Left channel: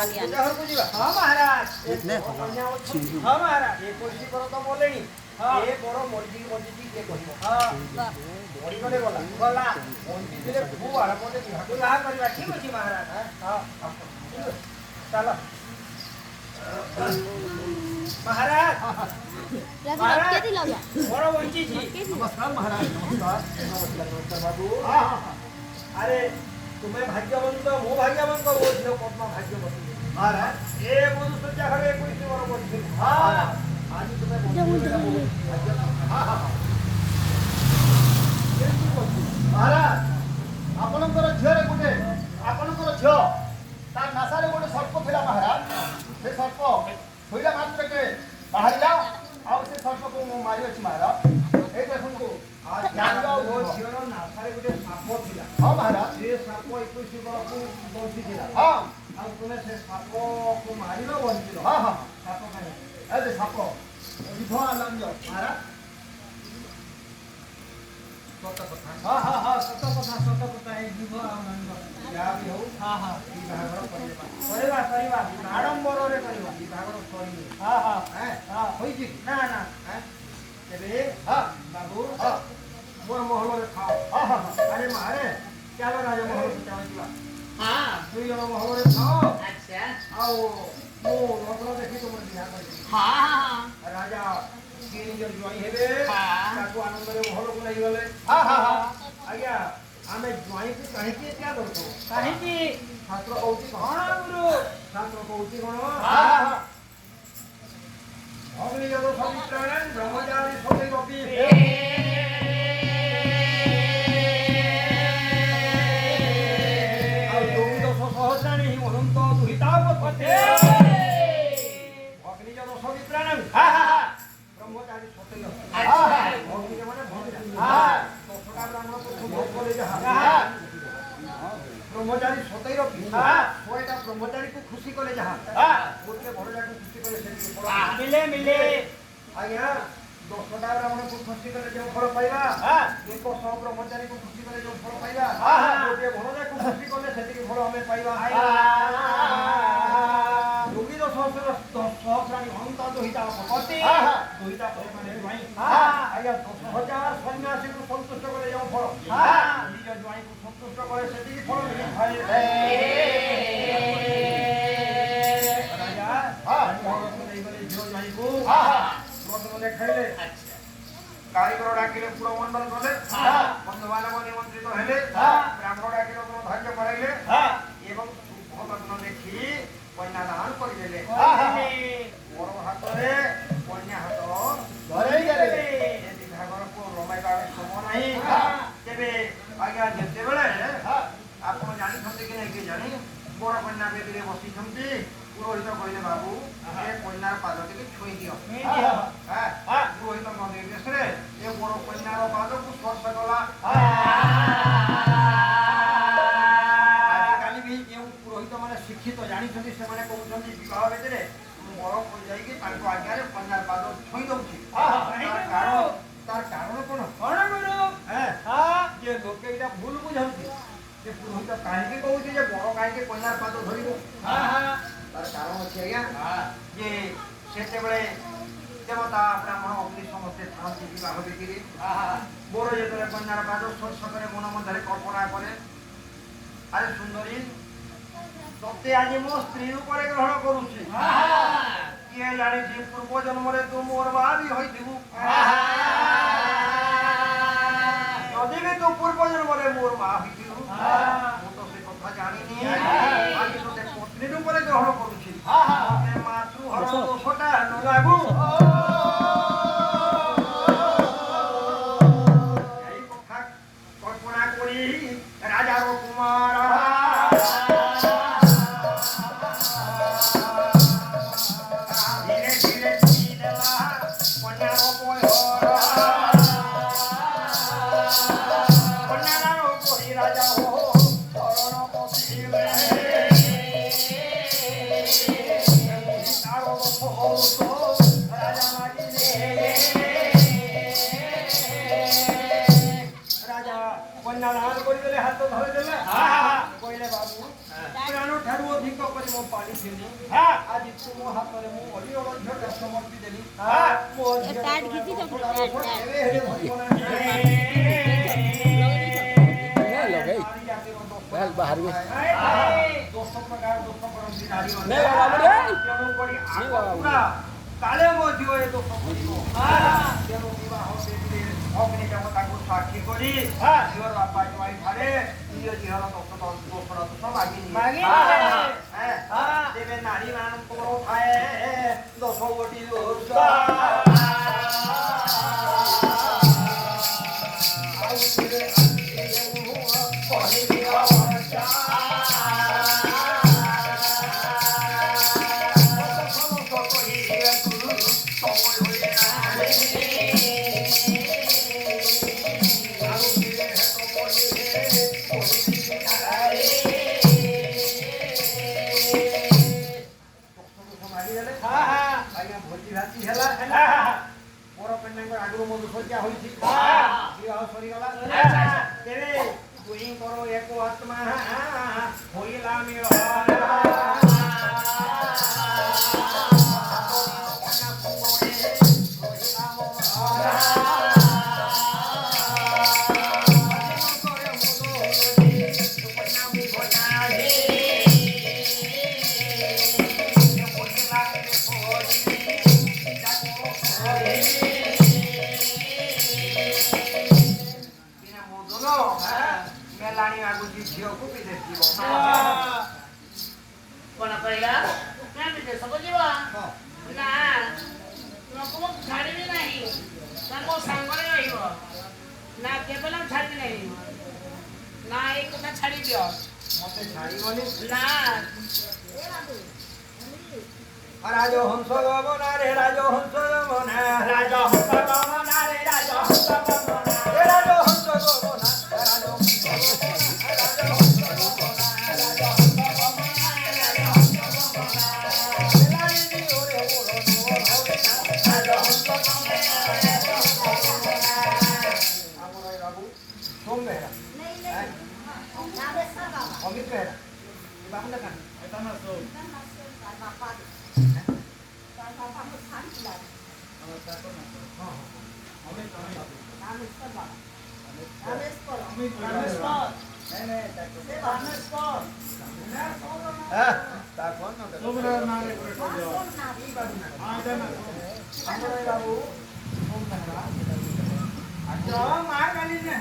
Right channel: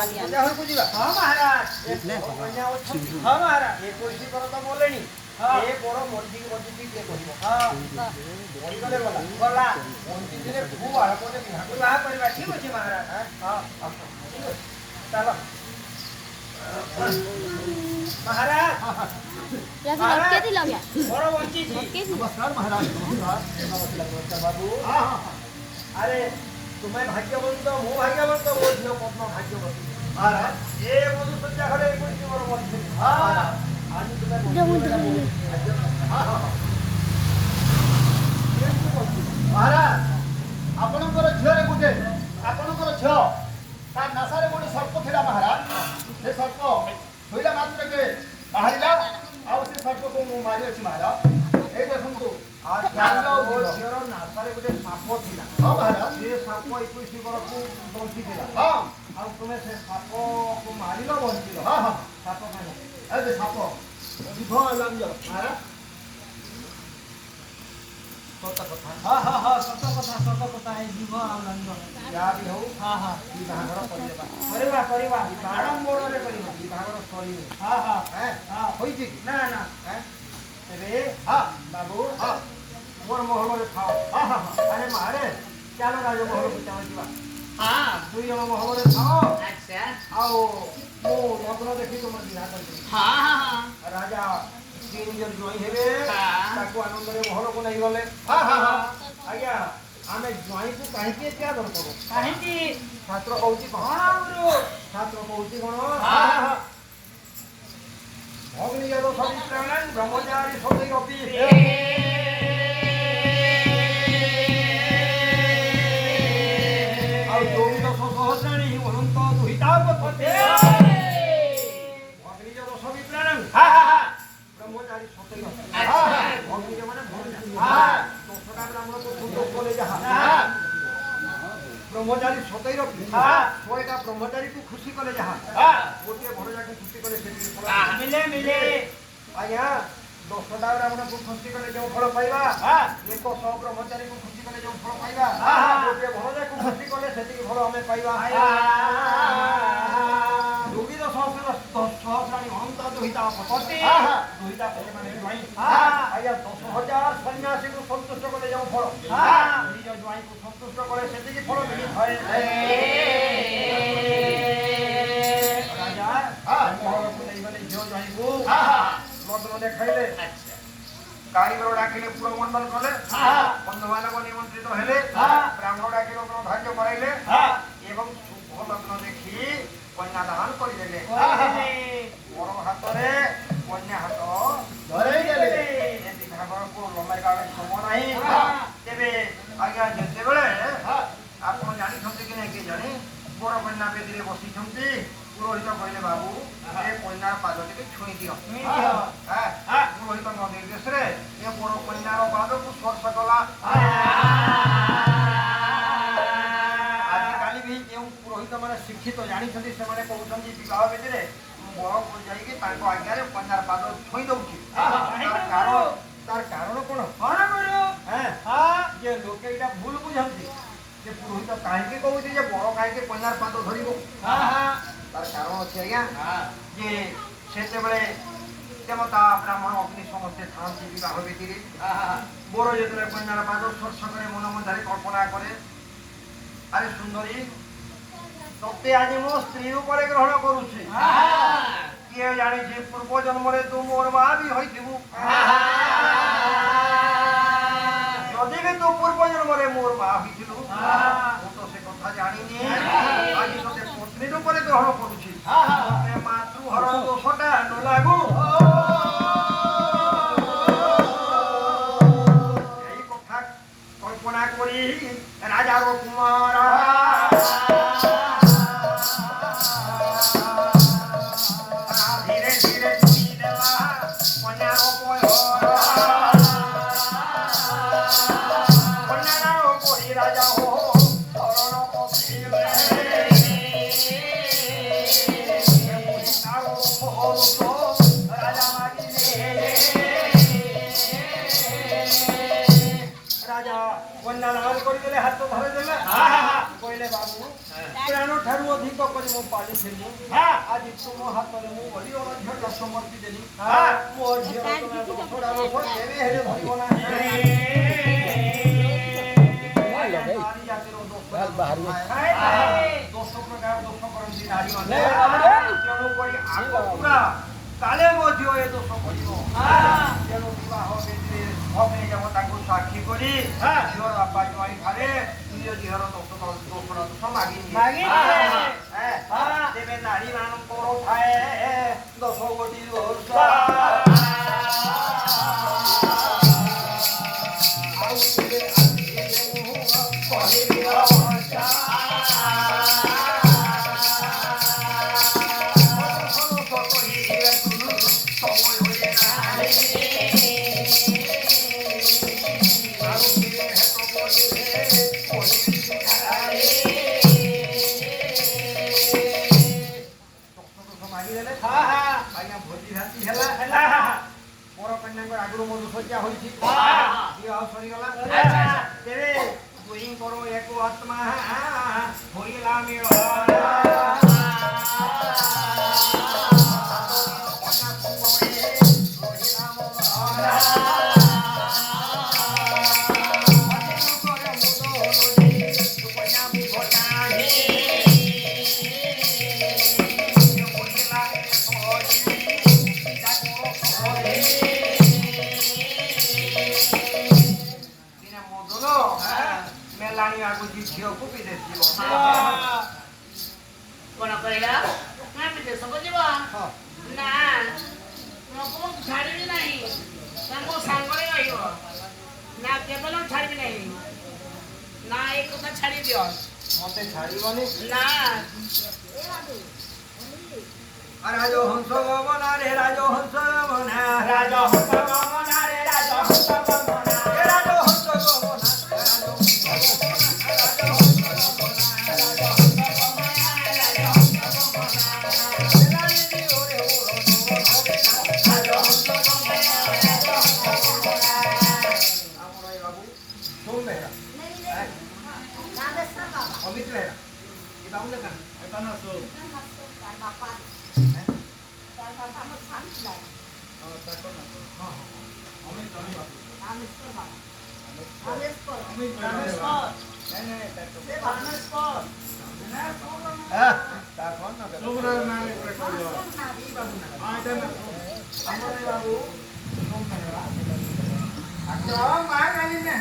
पूजा घर को जीवा हाँ महाराज हाँ महाराज ये कोई पर तो बोलेनी ए बड़ मर्जी मर्जी के कहबो हां बड़ी गले गला गला मर्जी दिले खूब आला कोते विवाह करवा ठीक अछि महाराज हां चलो महाराज महाराज केती लग्या बड़ वंची जी नमस्कार महाराज नमस्कार बाबू हां अरे तुम्हें भाग्यवंत मो भाग्यवंत वो झियो पद्मा भाग्यवती महाराज ए मधु सज्जा घरे कोई मोर मर्जी हां आज तुम्हें महाराज आपणकर झीरे गोटे आपणकर झील तार नासारे गोटे सर्प था महाराज से सर्प होइला मात्र के बाहरिला आउ से सर्प को मु मारी अछि महाराज ए देखंतु झीर नासारे गोटे साप थिला हां महाराज से साप 21 वर्ष को बंची थिला हां आउ तुमे से साप को मारिलो बंचिलो हां हां साप मारे ए साप विधवा लंग महाराज सत कथा हाँ हाँ हाँ सत कथा है विवाह लंग या भी हो हाँ हाँ विवाहर परिवा आडंबर रे परिवा विवाहर सरी हाँ हाँ हैं हाँ होई जी ना ना हैं तेरे हां बाबू हां मोर महल रे खाओ हां हां अरे मारे चलो राजा महल को चाव जीवा हाँ दुई जन महल रे खाओ अच्छा आओ मो लग्न देखि तुम विवाह कर हाँ हाँ राजा तीन जन जोई हेबे हाँ। ताको आनंद रे महल को नहीं गले हां हां हां आज्ञा आमे जोई को काहे के क्या दर करो काहे की छात्र कहउची कौन गुरु छात्र कहउची कोन हाँ हाँ अग्नि जरो सवित्राणं ब्रह्मचारी सदै अपि ଆଉ ଦୌଡ଼ ସହସ୍ରାଣୀ ଅନନ୍ତ ଦୁହିତାପତେ ଅଗ୍ନିଜ ଦୋଷ ବିପ୍ରାଣଂ हाँ हाँ हाँ ବ୍ରହ୍ମଚାରୀ ସତୈ अच्छा। ଅଗ୍ନିଜ ମାନେ हाँ। ଦୋଷଟା ନାମକୁ ଭୋଗ করে ଯାହା हाँ ବ୍ରହ୍ମଚାରୀ ସତୈ ରଖି हाँ। ଶହେଟା ବ୍ରହ୍ମଚାରୀକୁ ଖୁସି କଲେ ଯାହା हाँ ଗୋଟିଏ ଭରଜାକୁ ଖୁସି କଲେ ସେତିକି ଫଳ मिले मिले ଆଜ୍ଞା 10ଟା ବ୍ରାହ୍ମଣକୁ ଖୁସି କଲେ ଯେଉଁ ଫଳ ପାଇବା हाँ 100 ବ୍ରହ୍ମଚାରୀକୁ ଖୁସି କଲେ ଯେଉଁ ଫଳ ପାଇବା हाँ। ଗୋଟିଏ ଭରଜାକୁ ଖୁସି କଲେ ସେତିକି ଫଳ ଆମେ ପାଇବା ଦୁର୍ବିଦ ସହସ୍ରାଣୀ ଅନନ୍ତ ଦୁହିତାପତି हाँ। ଦୁହିତାପତି ମାନେ ଜ୍ୱାଇଁ हाँ। ଆଜ୍ଞା 10,000 ସନ୍ନ୍ୟାସୀକୁ ସନ୍ତୁଷ୍ଟ କଲେ ଯେଉଁ ଫଳ हाँ। ନିଜ ଜ୍ୱାଇଁକୁ ସନ୍ତୁଷ୍ଟ କଲେ ସେତିକି ଫଳ ମିଳିଥାଏ ରାଜା ମହଲକୁ ନେଇଗଲେ ଝିଅ ଜ୍ୱାଇଁକୁ ମଦ ଦେଖାଇଲେ କାରିଗର ଡାକିଲେ ପୁର ମଣ୍ଡଳ କଲେ ବନ୍ଧୁମାନଙ୍କ ନିମନ୍ତ୍ରିତ ହେଲେ ବ୍ରାହ୍ମଣ ଡାକିଲେ ଧାର୍ଯ୍ୟ କରାଇଲେ ଏବଂ ଶୁଭ ଲଗ୍ନ ଦେଖି କନ୍ୟାଦାନ କରିଦେଲେ ବଡ଼ ହାତରେ କନ୍ୟା ହାତ ଧରେଇ ଦେଲେ ଏ ବିଭାଘରକୁ ଲମ୍ବାଇବା ସମୟ ନାହିଁ ତେବେ ଆଜ୍ଞା ଯେତେବେଳେ ଆପଣ ଜାଣିଛନ୍ତି କି ନାହିଁ କି ଜାଣି ବଡ଼ କନ୍ୟା ବେଦୀରେ ବସିଛନ୍ତି ପୁରୋହିତ କହିଲେ ବାବୁ ଏ କନ୍ୟାର ପାଦ ଟିକେ ଛୁଇଁ ଦିଅ ପୁରୋହିତ ନିର୍ଦ୍ଦେଶରେ ଏ ବଡ଼ କନ୍ୟାର ପାଦକୁ ସ୍ପର୍ଶ କଲା ଆଜିକାଲି ବି ଯେଉଁ ପୁରୋହିତ ମାନେ ଶିକ୍ଷିତ ଜାଣିଛନ୍ତି ସେମାନେ କହୁଛନ୍ତି ବିବାହ ବେଦୀରେ ବଡ଼ ଯାଇକି ତାଙ୍କ ଆଜ୍ଞାରେ କନ୍ୟାର ପାଦ ଛୁଇଁ ଦଉଛି ତାର କାରଣ କଣ कौन गुरु ଯେ ଲୋକେ ଏଇଟା ଭୁଲ ବୁଝନ୍ତି ଯେ ପୁରୋହିତ କାହିଁକି କହୁଛି ଯେ ବଡ଼ କାହିଁକି କନ୍ୟାର ପାଦ ଧରିବ ତାର କାରଣ ଅଛି ଆଜ୍ଞା ଯେ ସେତେବେଳେ ଦେବତା ବ୍ରାହ୍ମଣ ଅଗ୍ନି ସମସ୍ତେ ଥାଆନ୍ତି ବିବାହ ବେଦୀରେ ବର ଯେତେବେଳେ କନ୍ୟାର ପାଦ ସ୍ପର୍ଶ କରେ ମନ ମଧ୍ୟରେ କଳ୍ପନା କରେ ଆରେ ସୁନ୍ଦରୀ ତତେ ଆଜି ମୋ ସ୍ତ୍ରୀ ରୂପରେ ଗ୍ରହଣ କରୁଛି କିଏ ଜାଣିଛି ପୂର୍ବ ଜନ୍ମରେ ତୁ ମୋର ମା ବି ହୋଇଥିବୁ ଯଦି ବି ତୁ ପୂର୍ବ ଜନ୍ମରେ ମୋର ମା ହୋଇଥିଲୁ ମୁଁ ତ ସେ କଥା ଜାଣିନି ଆଜି ତତେ ପତ୍ନୀ ରୂପରେ ଗ୍ରହଣ କରୁଛି ମାତୃହର ଦୋଷଟା ନ ଲାଗୁ ଏଇ କଥା କଳ୍ପନା କରି ରାଜା କୁମାର ଧୀରେ ଧୀରେ ଛୁଇଁ ଦେଲା କନ୍ୟାର କନ୍ୟାର ପରି ରାଜା ହୋ ଶରଣ ପଶିଲେ କନ୍ୟା ଦାନ କରିଦେଲେ ହାତ ଧରିଦେଲେ କହିଲେ ବାବୁ ପ୍ରାଣ ଠାରୁ ଅଧିକ କରି ମୁଁ ପାଳିଥିଲି ଆଜି ତୁମ ହାତରେ ମୁଁ ଅଲିଅଳ ଝିଅଟା ସମର୍ପି ଦେଲି ମୋ ଝିଅ କେବେ ହେଲେ ଧରିବ ନାହିଁ ନାରୀ ଜାତିର ଦୋଷ ପ୍ରକାର ଦୋଷ କରନ୍ତି ନାରୀମାନେ ତେଣୁକରି ଆଗ ପୁରା କାଳେ ମଧ୍ୟ ଏ ଦୋଷ କରିବ ତେଣୁ ବିବାହ ବେଦୀରେ ଅଗ୍ନି ଦେବତାଙ୍କୁ ସାକ୍ଷୀ କରି ଝିଅର ବାପା ଜୁଆଇ ଠାରେ ନିଜ ଝିଅର ଦୋଷ ମାଗି ତେବେ ନାରୀ ମାନଙ୍କର ଥାଏ ଦୋଷ ଗୋଟି ଭୋଜି ଭାତି ହେଲା ପର କନ୍ୟାଙ୍କ ଆଗରୁ ମୋ ସଜ୍ଜା ହୋଇଛି ବିବାହ ସରିଗଲା ତେବେ ଦୁହିଁଙ୍କର ଏକ ଆତ୍ମା ହୋଇଲା ମେଳ मेलाणी आगुची ଝିଅକୁ ବିଦେଶ ଯିବ କଣ କହିଲା ନା ବିଦେଶକୁ ଯିବ ନା ଲୋକଙ୍କୁ ଛାଡ଼ିବି ନାହିଁ ନା ମୋ ସାଙ୍ଗରେ ରହିବ ନା କେବଳ ଛାଡ଼ିବି ନାହିଁ ନା ଏଇ କଥା ଛାଡ଼ି ଦିଅ ମତେ ଛାଡ଼ିବନି ନା ରାଜହଂସ ଗମନା ରେ ରାଜହଂସ ଗମନା ରାଜହଂସ ଗମନା ରେ ରାଜହଂସ ଗମନା ରାଜହଂସ ଗମନା अमित रहेगा ये बाबू लगा बताना सो बाबू